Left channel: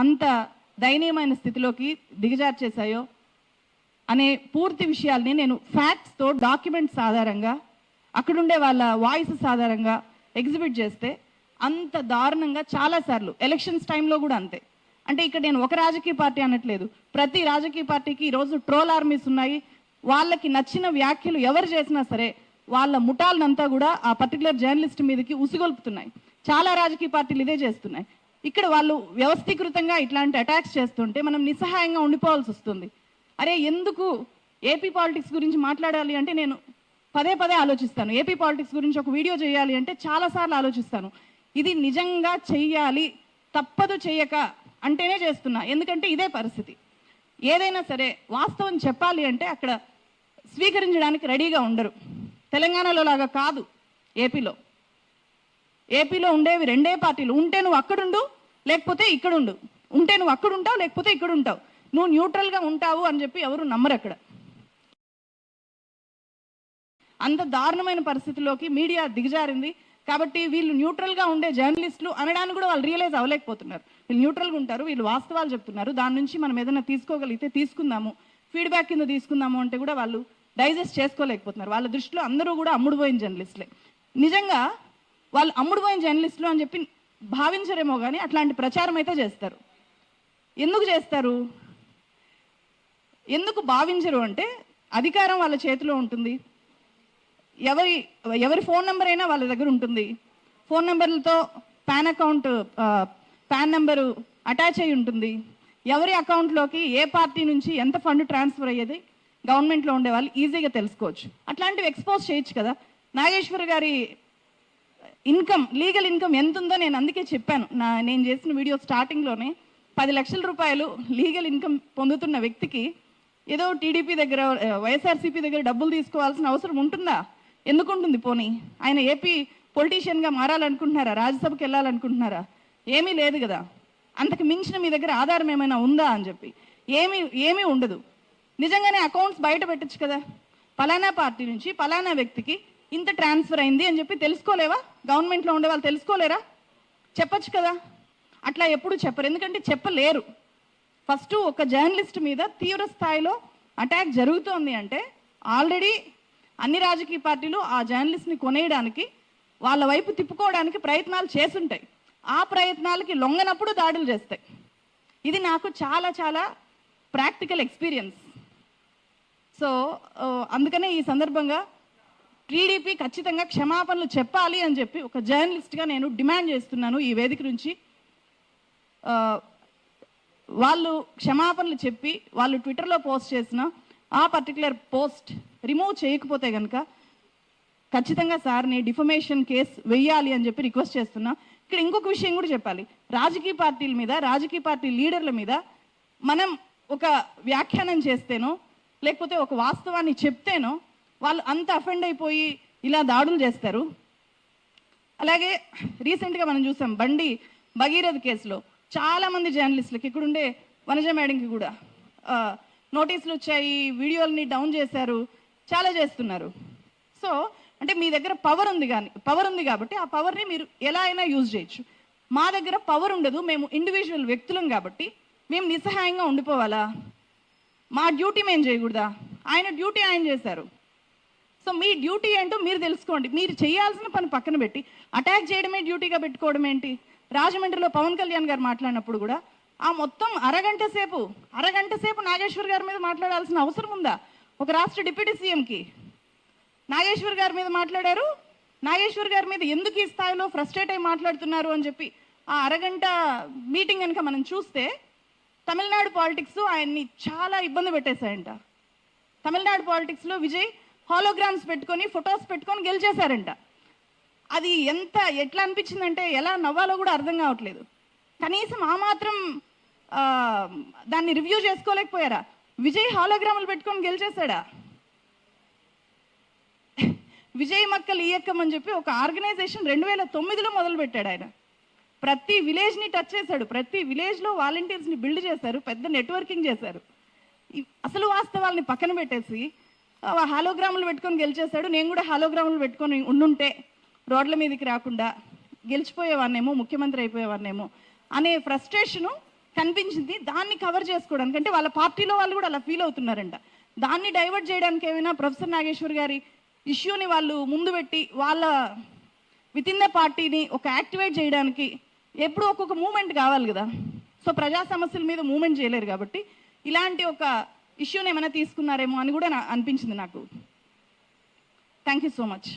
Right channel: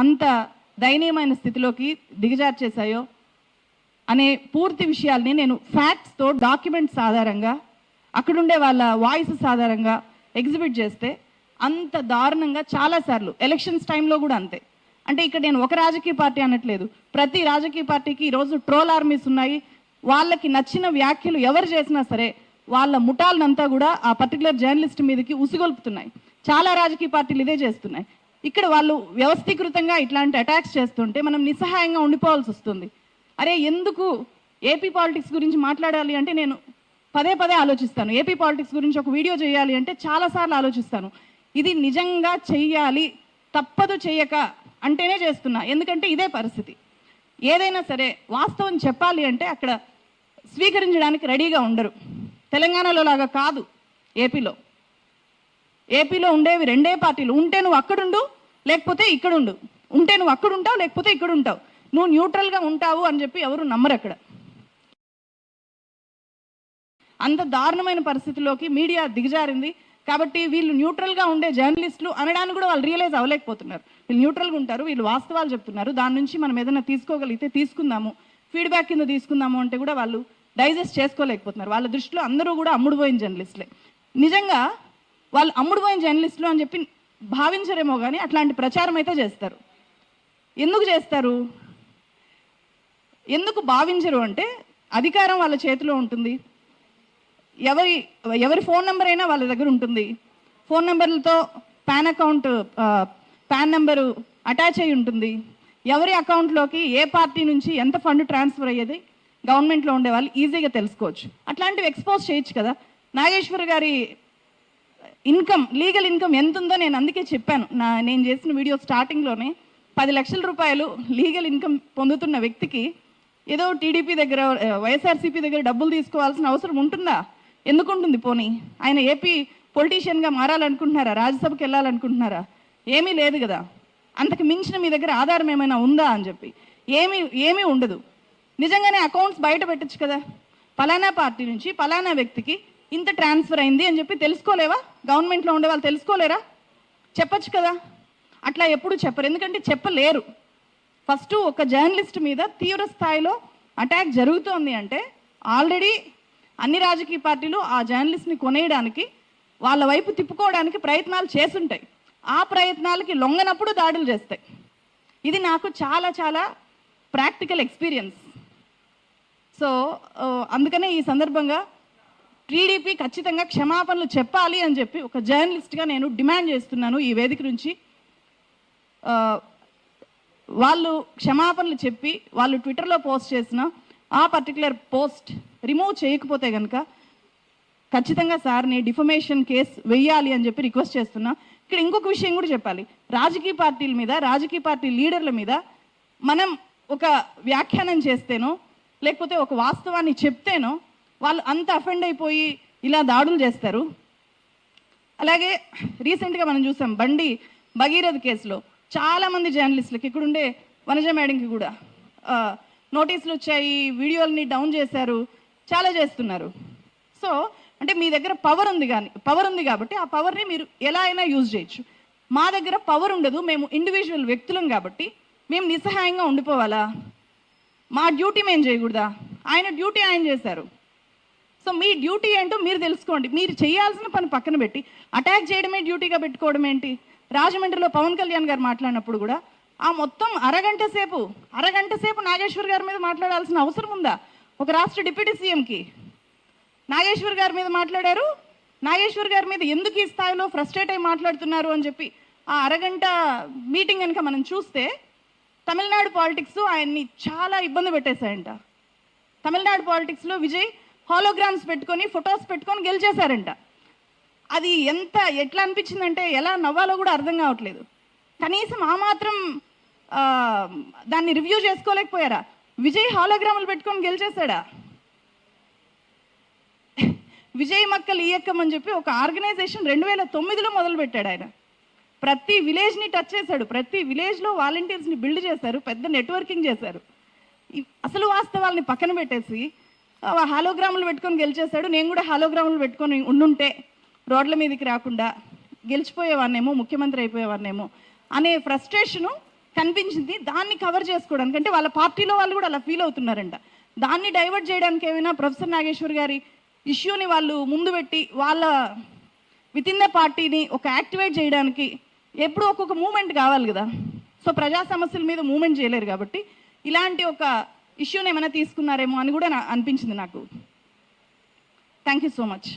అంత దయనీయమైన స్థితిలోకి దిగజార్చేశాయో అనే పూర్తి విషయాల్ని నేను ఫ్యాక్ట్స్తో డాక్యుమెంట్స్ ఆధారంగా అక్కడుండే వాళ్ళ వాయిసెస్ ఆధారంగా ఎగ్జిబిట్ చేస్తే అంత దారుణంగా చాలాసార్లు ఎలక్షన్స్ టైంలో కూడా అంతే. అంటే ఇక్కడ నేను ఒక రాజకీయ పార్టీ అనట్లేదు, ప్రతి రాజకీయ పార్టీకి ఈరోజు ట్రోల్ ఆర్మీస్ ఉన్నాయి. వాళ్ళకి నచ్చిన వ్యాఖ్యలు ఎవరు చేసినా సరే వాళ్ళ ముఠాలనంతా కూడా ఆ పర్టికులర్ జర్నలిస్ట్ మీదకి ఉసిగొల్పుతున్నాయి. చాలా రాజకీయ పార్టీలు ఇదే చేస్తున్నాయి. ఇక్కడ వాళ్ళు వ్యవస్థీకృతంగా ఇట్లాంటి అటాక్స్ చేస్తుంటే మనం నిస్సహాయంగా ఉండిపోవాల్సి వస్తుంది. అరే ఎందుకు ఏపీ పాలిటిక్స్ గురించి మాట్లాడాలి అంటే నేను పదే పదే ఆలోచిస్తాను. ఏపీ పాలిటిక్స్ గురించి ఒక వీడియో చేయాలి అంటే చాలాసార్లు ఆలోచిస్తాను. ఇది నిజంగా చెయ్యాలి, తప్పదు చెయ్యక అంటేనే చేస్తున్నా. ఎందుకంటే ఇదే పరిస్థితి. ఏదైనా సరే వాస్తవం చెప్పాలి అంటే అక్కడ స్వీకరించడానికి రెడీగా ఉండరు. తెలంగాణలో లాగా కాదు. ఏపీలో ఉండేవి రెండే పార్టీలు. ఉంటే నువ్వు అక్కడుండు, లేకపోతే ఇక్కడుండు. ఉంటే నువ్వు అక్కడ ఉంటావు, లేకపోతే ఇక్కడ ఉంటావు. నువ్వు న్యూట్రల్గా ఉంటావు అని చెప్పి ఎవరు నమ్మరు అక్కడ. అంత దారుణమైన పరిస్థితిలోకి మీడియా దిగజారింది. కాబట్టి వీళ్ళు న్యూట్రల్గా ఉండే జర్నలిస్టులు అనడానికి కూడా వాళ్ళు రియలైజ్ అవ్వలేకపోతున్నారు. వీళ్ళు న్యూట్రల్గా ఉంటారు, వీళ్ళు వాస్తవాలు చెప్తున్నారు, దాని నుంచి మనం ఏదైనా తీసుకోగలిగితే తీసుకుందాము, ఫీడ్బ్యాక్ కింద తీసుకుందాము అంటే కూడా వాళ్ళు డైజెస్ట్ చేసుకోలేకపోతున్నారు. వాళ్ళ దృష్టిలో అందరూ కూడా అమ్ముడుపోయిన జర్నలిస్టులే. నిజంగా వాళ్ళు అమ్ముడుపోయిన జర్నలిస్టులు అని చెప్పి భావించరేమో కానీ అట్లాంటి ప్రచారం అయితే చేస్తారు. ఎందుకు చేస్తారు, ఎందుకు భావించరు అంటే అధికారం వాళ్ళ చేతిలో ఉంటుంది. ఎవరి ఫోన్ నెంబర్ అయినా వాళ్ళ దగ్గర ఉంటుంది. ఫోన్ నెంబర్లతో పాన్ నెంబరు అటాచ్ అయి ఉంటుంది. ఎవరి అకౌంట్లోకి ఏ పార్టీ నుంచి ఎంత ఫండ్ ట్రాన్స్ఫర్ అయ్యేది గవర్నమెంట్లో ఉండే వాళ్ళు ఈజీగా తెలుసుకోవచ్చు. అట్లాంటివి ఎక్స్పోజ్ చేయొచ్చు కదా. నాగేశ్వర్ గారి ఇన్కమ్, లీగల్ ఇన్కమ్ ఎంత ఉందో నేను అందుకే చెప్పాను. నేను చేసిన వీడియో స్టార్టింగ్లోనే 10 లక్షల రూపాయలు లీగల్ ఇన్కమ్ పొందుతున్న వ్యక్తికి ఏదో టీడీపీ దగ్గర, వైఎస్ఆర్సీపీ దగ్గర డబ్బులు తీసుకోవాల్సిన అవసరం ఉంటుందా? ఎందుకు ఉంటుంది? పోనీ ఆయన ఏపీ పొలిటీషియన్గా మారాలనుకుంటున్నారా? రాజ్యసభకి వెళ్ళాలనుకుంటున్నారా? ఏమీ లేదు కదా. అంతకు మించిన మీ దగ్గర ఆధారం ఏమైనా ఉందా అని చెప్పి ఏమీ ఉండదు. నిజంగానే అకౌంట్స్ బయట పెట్టచ్చు కదా. పలానా పార్టీ నుంచి పలానా వ్యక్తికి ఇంత ట్రాన్స్ఫర్ అయింది అని చెప్పి తెలుసుకోలేవా? గవర్నమెంట్లో ఉండే వాళ్ళు తెలుసుకోలేరా? చెప్పచ్చు కదా. అట్లా ఎప్పుడు చెప్పరు, ఎందుకంటే చెప్పలేరు. ఫస్ట్ ఒక జర్నలిస్ట్ మీద తీవ్ర స్థాయిలో అటాక్ జరుగుతోంది అంటే ఆల్రెడీ అన్ని రాజకీయ పార్టీలు ఆ జర్నలిస్ట్ని కొనేయడానికి, వాళ్ళ వైపు తిప్పుకోవడానికి ప్రయత్నాలు చేస్తుంటాయి. ఆ ప్రయత్నాలకి లొంగనప్పుడు దాడులు చేస్తాయి. ఇది నాకు చాలా చాలా ప్రాక్టికల్ ఎక్స్పీరియన్స్. సో అందుకనే ఈ సందర్భంగా టీడీపీ ఖచ్చితంగా క్షమాపణలు చెప్పాలి అని చెప్పి ఒక జర్నలిస్ట్గా నేను డిమాండ్ చేస్తున్నాను ఈ వేదిక నుంచి. వాళ్ళు క్షమాపణలు చెప్పి వాళ్ళు ట్విట్టర్లో పోస్ట్ చేసిన ఆ పర్టికులర్ పోస్ట్ రిమూవ్ చేయకపోతే కనుక ఖచ్చితంగా సార్ని డిఫమేషన్ కేసు వెయ్యాలి అని చెప్పి రిక్వెస్ట్ చేస్తున్నా. ఇక్కడ ఇంకొక విషయం కూడా చెప్పాలి. రాజకీయ పార్టీల మీద, రాజకీయ పార్టీ లీడర్ల మీద మనం ఒక వ్యాఖ్యానం చేస్తేనో లేకపోతే ఒక వాస్తవాన్ని చెప్తేనో వాళ్ళు అంత అఫెండ్ అయిపోయి ఇలా దాడులు చేస్తారు. అలాగే రీసెంట్గా మనం చూసాం బండి భగీరథ్ కేసులో చాలా మంది జర్నలిస్టులకి, ఇక్కడుండే వనజ మేడంకి కూడా నోటీసులు వచ్చాయి, వీడియోల్ని డౌన్ చేశారు, చాలా చేస్తున్నారు. సో అంటే మీ దగ్గర పవర్ ఉంది కాబట్టి ఆ పవర్ని మీరు ఎలా అయినా యూజ్ చేయొచ్చు. మా దగ్గర పవర్ ఉండదు, మేము ఇండివిజువల్ వ్యక్తులం కాబట్టి మేము నిస్సహాయంగా ఉండిపోవాలా? మా డ్యూటీ మేము చేయకూడదా? ఆయన డ్యూటీ ఆయన చేశారు. సో మీ డ్యూటీ ఏంటో మీరు తెలుసుకోండి. మీరు చేయాల్సిన పని పక్కన పెట్టి అటాక్ చేయడమే డ్యూటీగా పెట్టుకోవడం ఏంటి? రాజమండ్రిలో పవన్ కళ్యాణ్ గారు మాట్లాడినప్పుడు కూడా ఆ మొత్తం అరగంట సేపు నాగేశ్వర్ గారి మీద మాట్లాడాల్సిన అవసరం ఉందా? ఒక రాష్ట్ర డిప్యూటీ సీఎంకి నాగేశ్వర్ గారి మీద మాట్లాడారు. నాగేశ్వర్ గారి మీద ఎందుకు ఈ స్థాయిలో ఫ్రస్ట్రేట్ అయి మాట్లాడుతున్నారు అని చెప్పి ఆ అరగంట మీటింగ్ కనుక మనం చూస్తే తమిళనాడు పాలిటిక్స్ ఆయన్ని చాలా ఇబ్బంది పెట్టేశాయంట. తమిళనాడు పాలిటిక్స్లో విజయ్ హాలోగ్రామ్స్ పెట్టుకొని, ఫొటోస్ పెట్టుకొని గెలిచేశారంట. అది ఎట్లా అనిపించిందంటే ఎలా నవ్వాలో కూడా అర్థం కావట్లేదు. కనీసం ఆ మాత్రం దాన్ని రివ్యూ చేసుకోలేకపోయారా? విజయ్ హాలోగ్రాములు పెట్టుకొని గెలిచేశాడా? విజయ్ మక్కలు ఈయక్కం అని చెప్పి ఒక ఆర్గనైజేషన్ 2009లో మొదలు పెట్టాడు ఆయన. ప్రతి విలేజ్ని టచ్ చేశాడు, ప్రతి విలేజ్లో వాలంటీర్స్ని బిల్డ్ చేశారు, పెద్ద నెట్వర్కింగ్ చేశారు. అసలు వాస్తవాల్ని పక్కన పెట్టేసి హాలోగ్రాములు పెట్టుకొని గెలిచేశాడు. నేను కూడా హాలోగ్రాములు పెట్టుకొని ఉండుంటే రోడ్ల మీదకి రాకుండా గెలిచిపోయేవాన్నేమో, ముఖ్యమంత్రి అయిపోయేవాన్నేమో అనే ఫ్రస్ట్రేషను కనిపించింది. దాన్ని కవర్ చేసుకోవడానికి, అంటే వాళ్ళ పార్టీలో వాళ్ళు కూడా అలా ఫీల్ అవుతున్నారంట, దాన్ని డైవర్ట్ చేయడానికి ఏమైనా ప్రొఫెసర్ నాగేశ్వర్ గారి ఇష్యూని వాళ్ళు ముందు పెట్టి వాళ్ళ విత్ ఇన్ ద పార్టీని ఒక యాక్టివేట్ చేయడానికి ఎప్పుడు ఒక్కొక్క మూమెంట్ కావాలి కదా. సో ప్రజా సమస్యల మీద మూమెంట్ చేయలేరు కాబట్టి ఇలాంటి ఒక ఇష్యూని ఏమైనా తీసుకున్నారేమో అని కూడా అనిపించింది నాకు. Thank you so much.